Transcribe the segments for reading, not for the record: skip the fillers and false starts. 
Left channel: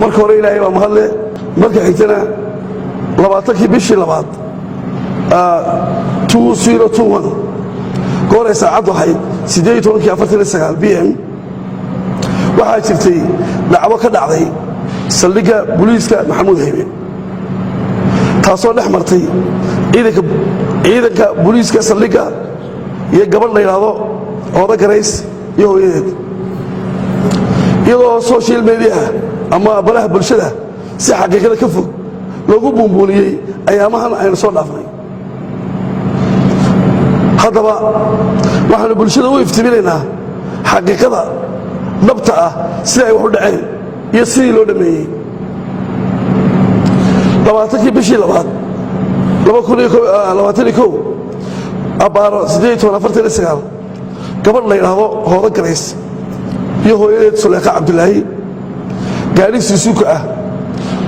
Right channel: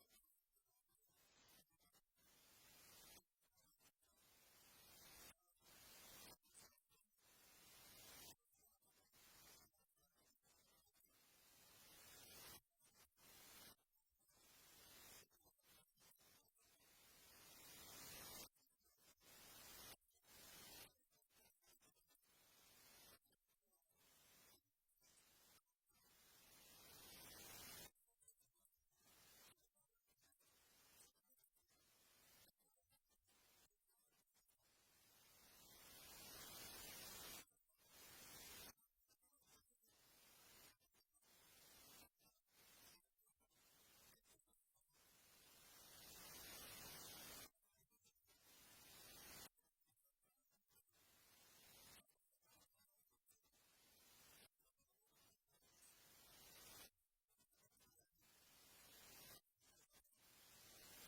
marka hore ilaahay baa mahadle marka xigtana 20kii bishii labaad 2021 goor saacadu ahayd 18:49 PM waxaa jirtay dhacdo ka dhacday saldhigga booliiska Maxamuud Haybe taasoo dhex martay ciidanka booliiska saldhigga iyo gabadh la yiraahdo Ooda Garays iyo hooyadeed iyadoo social media ama baraha bulshada si xaqiiqada ka fog loogu buunbuuniyay ayaamahan aynu soo dhaafnay haddaba waxaanu bulshada u iftiiminaynaa xaqiiqada dhabta ah sida ay wax u dhaceen iyo sidii loo dhameeyey 20kii bishii labaad 2021 abaaro 18:49 gabadh la yiraahdo Ooda Garays iyo hooyadeed Suleekha Cabdulaahi gaari Suzuki ah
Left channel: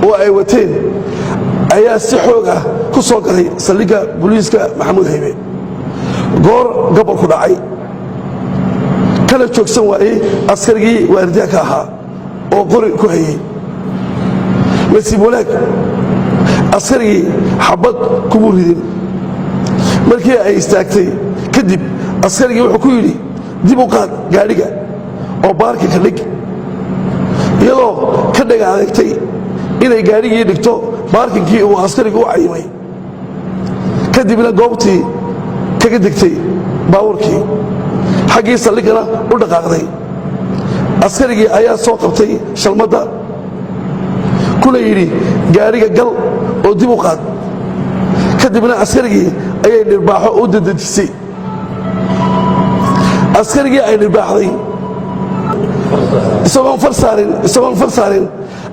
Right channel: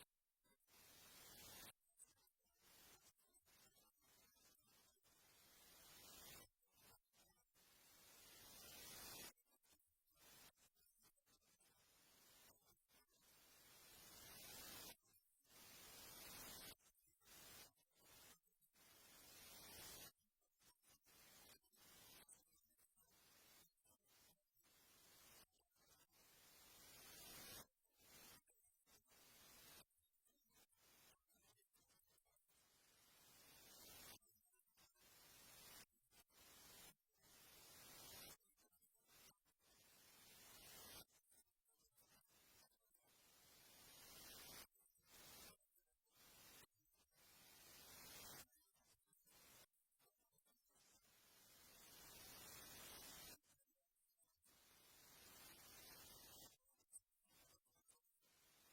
oo ay wateen ayaa si xoog ah ku soo galay saldhigga booliiska Maxamuud Haybe goor gobol ku dhacay kala joogsan waayay askarigii waardiyaha ka ahaa oo qori ku hayay nasiib wanaag askarigii xabad kuma ridin markii ay istaagtay kadib askarigii wuxuu ku yidhi dib u qaad gaadhiga oo baarka ka dhig iyadoo ka dhagaagtay inay gaadhigii dhigto baarkinkii uu askarigu u cayimay kadibna goobtii kaga degtay baabuurkii xaggii saldhiggana u dhaqaaqday askarigii ayaa soo qabtay shalmadda kuna yidhi gaadhiga gal oo dib u qaad kadibna askarigii ayay dhirbaaxo u dadejisay askarigii ay dhirbaaxday isagoon far saarin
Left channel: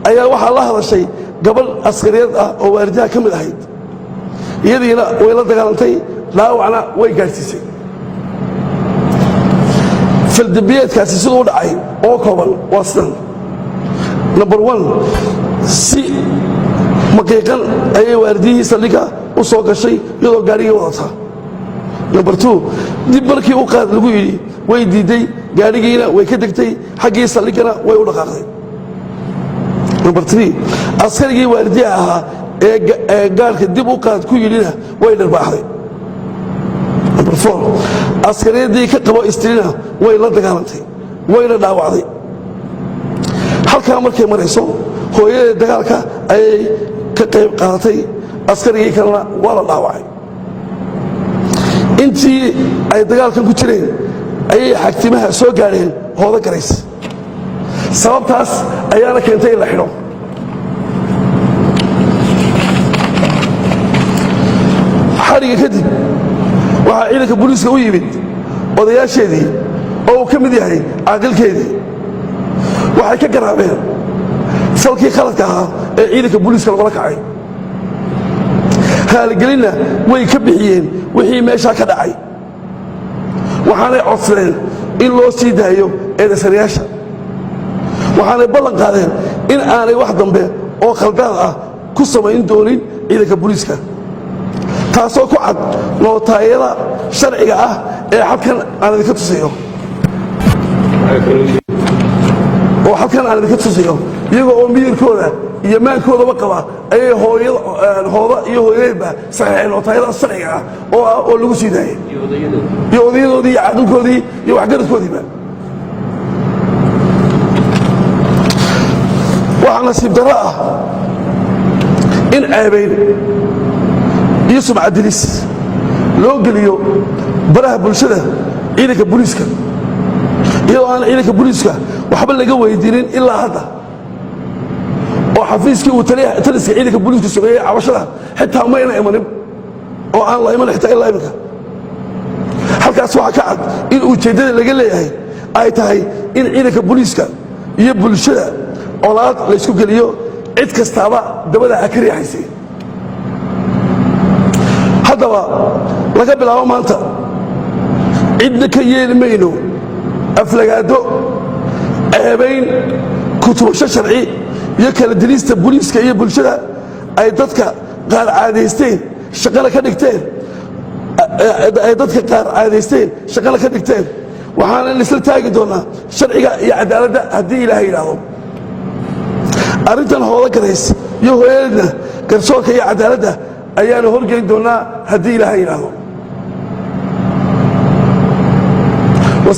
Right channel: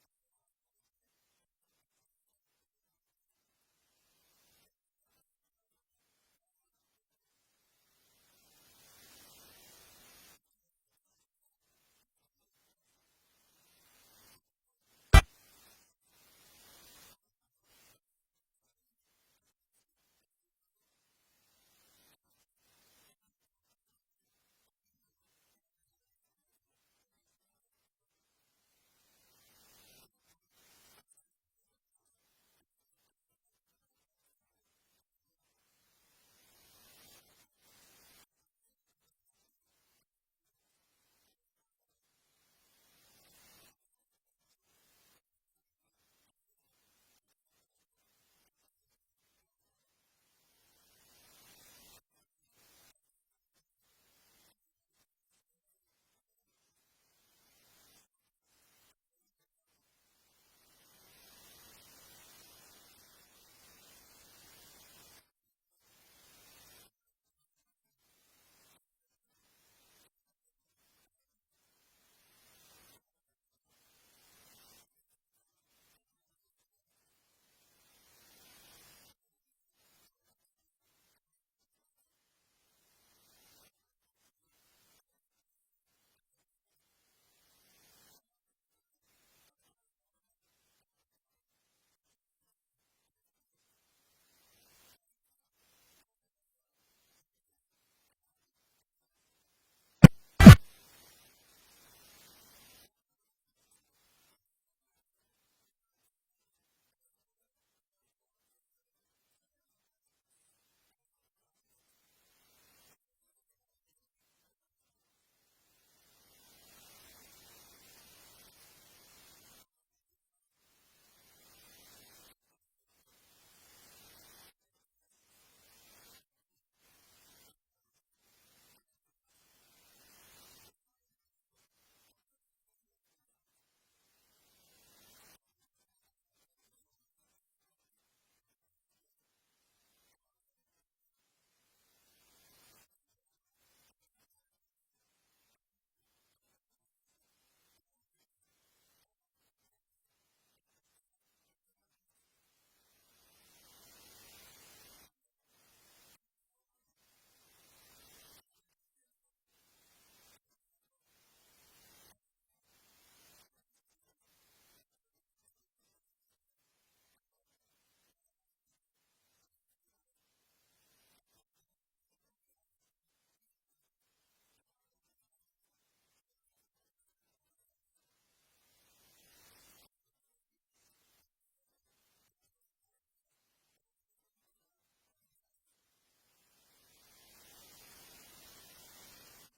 ayaa waxaa la hadashay gabadh askariyad ah oo waardiyaha ka mid ahayd iyadiina way la dagaalantay dhaawacna way gaadhsiisay faldambiyeedkaasi siduu u dhacay oo kooban waa sidan number 1 si maqiiqan ayay waardiyihii saldhigga u soo gashay iyadoo gaadhigii wadata number 2 dib markii u qaad lagu yidhi way diiday gaadhigiina way ka degtay xaggii saldhiggana way u dhaqaaqday number 3 askarigii waardiyaha ahaa ee gaarka dib u qaad ku yidhina way dharbaaxday number 4 askariyadii ka qabo istriina way la dagaalantay wayna dhaawacday halkaa markay marayso hooyadee dagaalka ayay ka qayb qaadatay askarigii kalena waa la dhaawacay intii ay dagaalkan ku jireen ayay xagtimaha soo gaadheen Ooda Garays sababtaas ayaana keentay in la xidho xariga kadib waxaa ciidanka booliiska u yimid odayaasheedii oo uu ka mid yahay caaqilkeedii waxay ka garaabeen salkii khaladka ahaa ee ciidanka booliiska lagula kacay haaligelinna way ka bixiyeen wixii meeshaa ka dhacay waxaanay codsadeen in loo sii daayo eedaysanayaasha waxaanay ballan qaadeen in aanay wax dambe oo khaldaad ah ku samayn doonin ciidanka booliiska taasoo ku cad nootaayada sharciga ah ee halkan aan idinka tusayo iyagoo oo miyirkooda iyo maankoodaba qaba ayay hooda iyo hooyadeedba saxiixeen nootaayada sharciga ah oo lagu sii daayay iyo odayadoodii iyo caaqilkoodii iyo waxgaradkoodiiba waxaa nasiib darro ah in ceebayn iyo sumcadilis loo geliyo baraha bulshada ciidanka booliiska iyadoo aan ciidanka booliiska waxba laga weydiinin ilaa hadda oo xafiiskii uu taliska ciidanka booliiska sameeyey cabashada xitaa mayna imanin oo aan la iman xitaa ilaa iminka halkaas waxaa ka cad in ujeeddada laga leeyahay ay tahay in ciidanka booliiska iyo bulshada colaad laysku geliyo cid kastaaba dabada ha ka riixaysay haddaba laga bilaabo maanta cidna ka yeeli mayno aflagaado ceebayn kutubasho sharci iyo kala dilista booliiska iyo bulshada ay dadka qaar caadaysteen shaqana ka dhigteen waxaana isla taagi doonaa sharciga iyo cadaaladda haddii ilaahay yidhaahdo arrintan hoola garays iyo hooyadeedna garsoorka iyo cadaaladda ayaanu horgeyn doonnaa haddii ilaahay yidhaahdo